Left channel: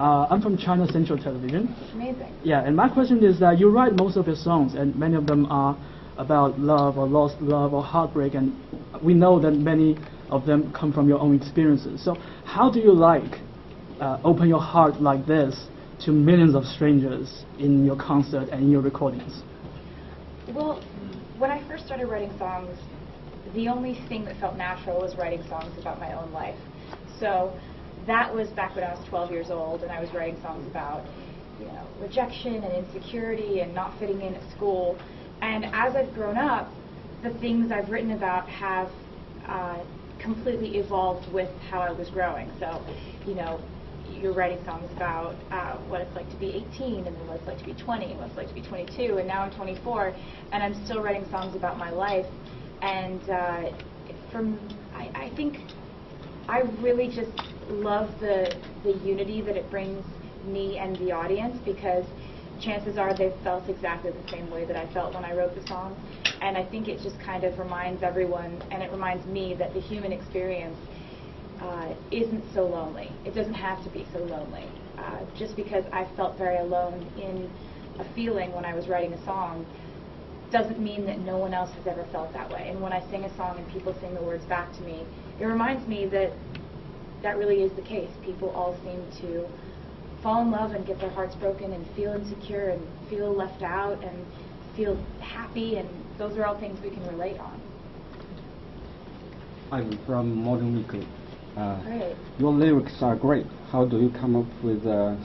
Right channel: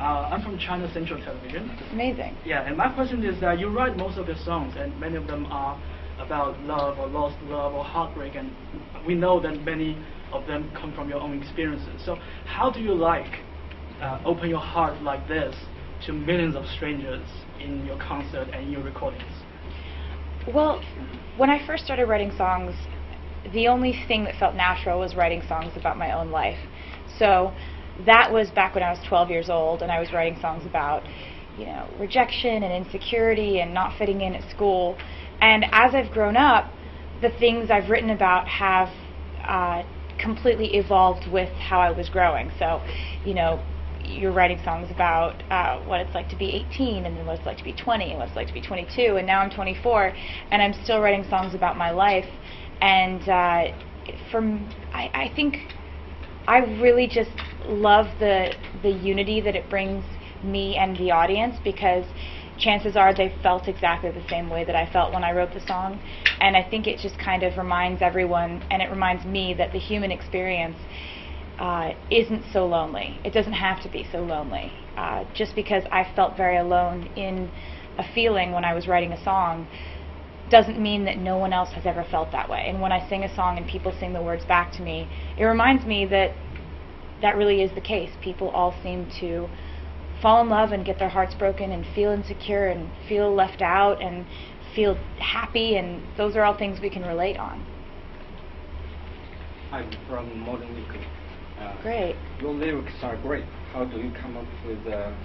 I'm from China Central Television. Amazing. Yeah, and my question is that you write most of your songs, and many of them are about love or lost love or heartbreak, and we know that many of them come from your own experiences. So how do you open your heart like this to millions of strangers in your concert and in your recordings? Well, when I first started writing songs, the only thing that felt natural was writing songs about my own life. So that was back when I was 12 years old, and I was writing songs about, rejection and insecurity and not fitting in at school. And as I've grown up, the things I've written about have completely evolved with how I was growing. So, you're writing songs about what it's like to be 18, and then what it's like to be 20, and what it's like to be 22, and now I'm 24, and I'm still writing songs about my life. And I think I really just love the unity that it brings me and the audience, because chances are they've felt exactly the same way that I felt when I wrote the song. And I think it just kind of reminds everyone, and it reminds me, that the human experience isn't so lonely. It doesn't have to be so lonely. Just because I felt very alone in a feeling when I was writing a song doesn't mean that no one else has ever felt that way. And when I sing a song and people sing the words back to me, it reminds me that that really is the case. People all seem to fall in love and get their hearts broken and feel insecure and feel left out and feel happy, and those are all things we can relate on. I'm from Modern Weekly. Great. Your lyrics are great. How do you come up with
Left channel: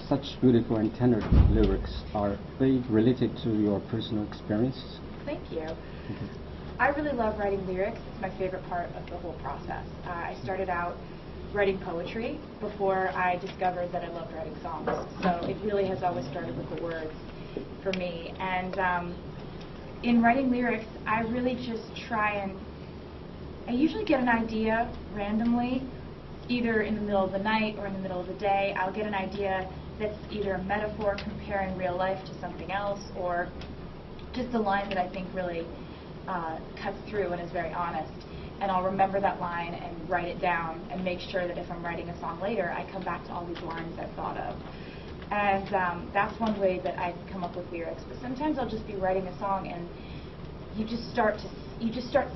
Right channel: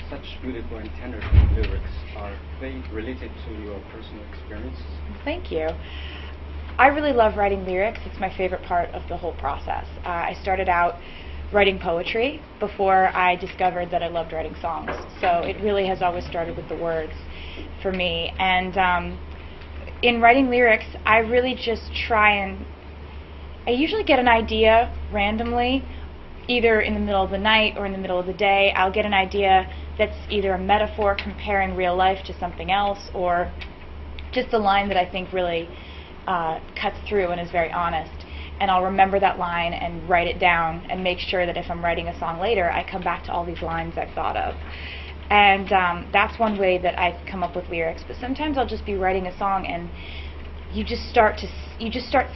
such beautiful and tender lyrics? Are they related to your personal experiences? Thank you. I really love writing lyrics. It's my favorite part of the whole process. I started out writing poetry before I discovered that I loved writing songs. So it really has always started with the words for me. And in writing lyrics, I really just I usually get an idea randomly, either in the middle of the night or in the middle of the day. I'll get an idea that's either a metaphor comparing real life to something else, or just a line that I think really cuts through and is very honest. And I'll remember that line and write it down and make sure that if I'm writing a song later, I come back to all these lines I've thought of. And that's one way that I come up with lyrics. But sometimes I'll just be writing a song and you just start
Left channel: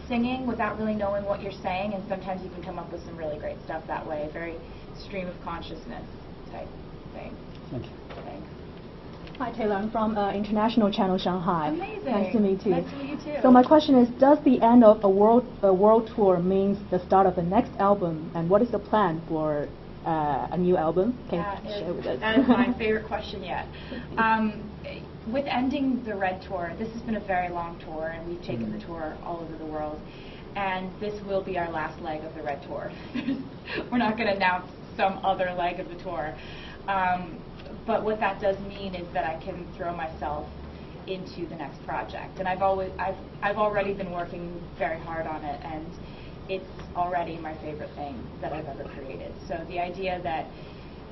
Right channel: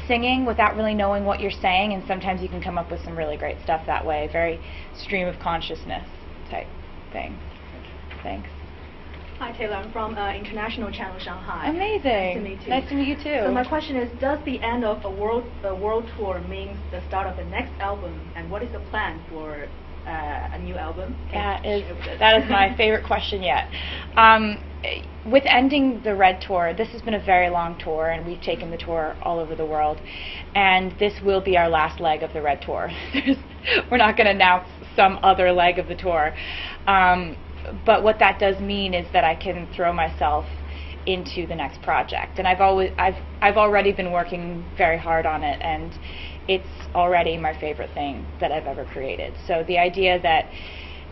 singing without really knowing what you're saying, and sometimes you can come up with some really great stuff that way, very stream of consciousness type thing. Thank you. Thanks. Hi Taylor, I'm from international channel Shanghai. Amazing. Nice to meet you. Nice to meet you too. So my question is, does the end of a world tour means the start of the next album, and what is the plan for a new album? That is my favorite question yet. With ending the Red Tour, this has been a very long tour, and we've taken the tour all over the world, and this will be our last leg of the Red Tour. We're not going to announce some other leg of the tour. But what that does mean is that I can throw myself into the next project, and I've already been working very hard on it, and it's already my favorite thing that I've ever created. So the idea that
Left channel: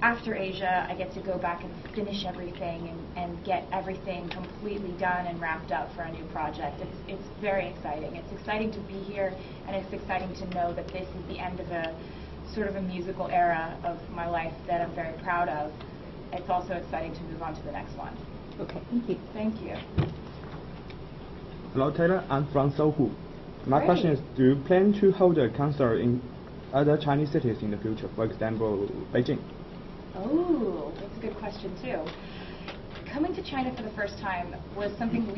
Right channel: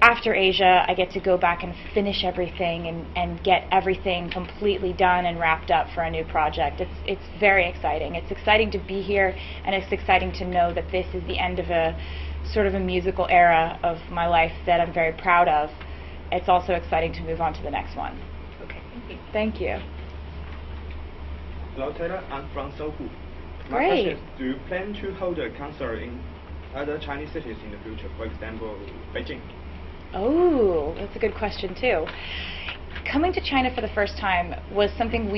after Asia I get to go back and finish everything and get everything completely done and wrapped up for a new project, it's very exciting. It's exciting to be here, and it's exciting to know that this is the end of a sort of a musical era of my life that I'm very proud of. It's also exciting to move on to the next one. Okay, thank you. Thank you. Hello Taylor, I'm from Sohu. My Great. question is, do you plan to hold a concert in other Chinese cities in the future, for example, Beijing? Oh, that's a good question too. Coming to China for the first time was something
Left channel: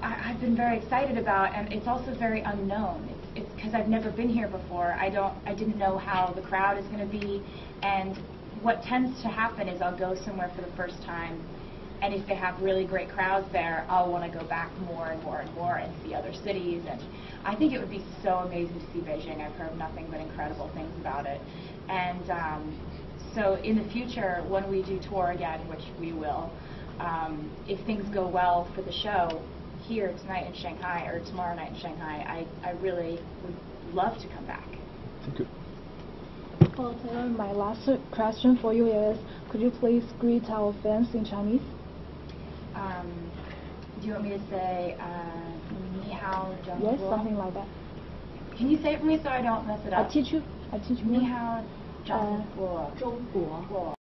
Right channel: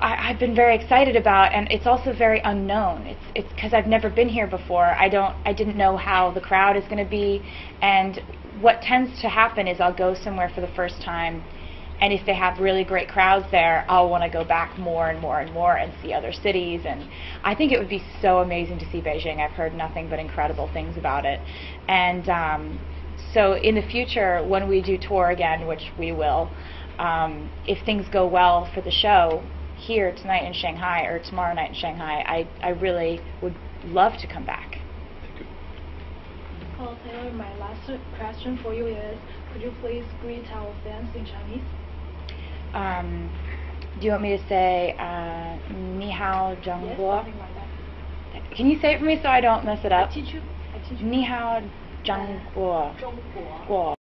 I've been very excited about, and it's also very unknown. It's because I've never been here before. I didn't know how the crowd is going to be, and what tends to happen is I'll go somewhere for the first time, and if they have really great crowds there, I'll want to go back more and more and more and see other cities. And I think it would be so amazing to see Beijing. I've heard nothing but incredible things about it. And so in the future, when we do tour again, which we will, if things go well for the show here tonight in Shanghai or tomorrow night in Shanghai, I really would love to come back. Thank you. Well, Taylor, my last question for you is, could you please greet our fans in Chinese? Do you want me to say Ni hao, Zheng Yes, Guo? something like that. Can you say it for me so I don't mess it up? I teach you. Ni hao, 中国中国国